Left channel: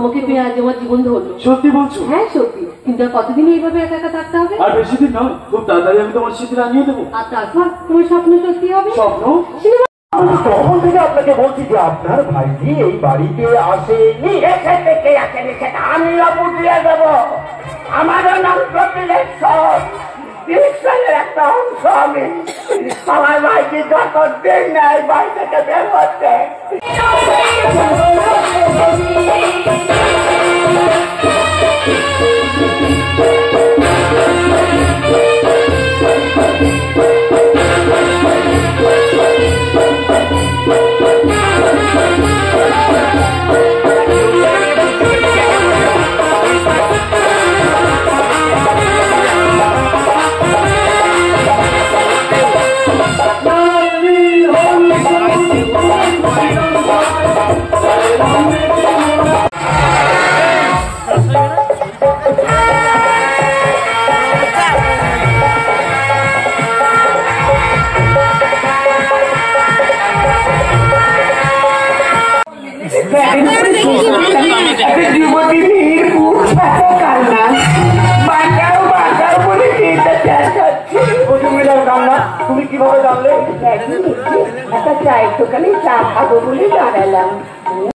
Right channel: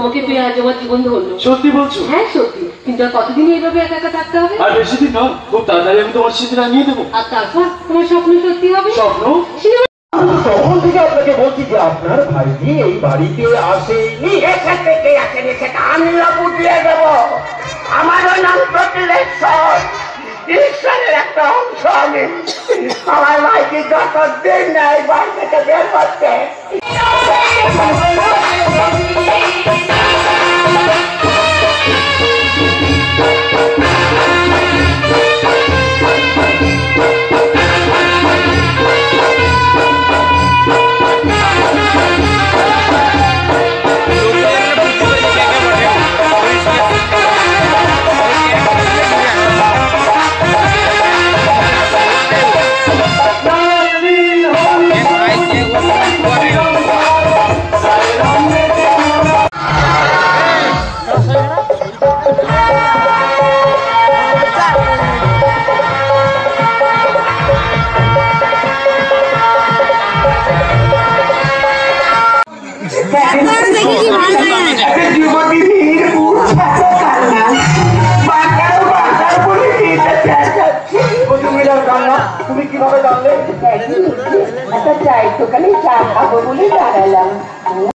তোমাকে পেয়ে আজ আমার জীবন ধরলো। সত্যি বলছো? হ্যাঁ সত্যি। কিন্তু আর কতদিন এইভাবে একা একা থাকতে হবে? আর বেশি দিন নয়, খুব তাড়াতাড়ি আমি তোমার সাথে রাঙিয়ে দেবো। আর তারপর তোমার স্বপ্ন সত্যি হবে। স্বপ্ন? তখন থেকে আপনাকে বলছি যে আপনার ভাইজি এই বাড়িতে আসেনি। সেটা আমিও বুঝিয়ে দেব। আমারও নাম প্রতিলেশ্বর, ঈশ্বরের একটা অংশ আমি। আমার ভাইজি যতদিন না এই বাড়ি থেকে বের হচ্ছে। তুমি কিভাবে জানলে? চাই তো খালি চা খাবো বলে দাঁড়ালাম।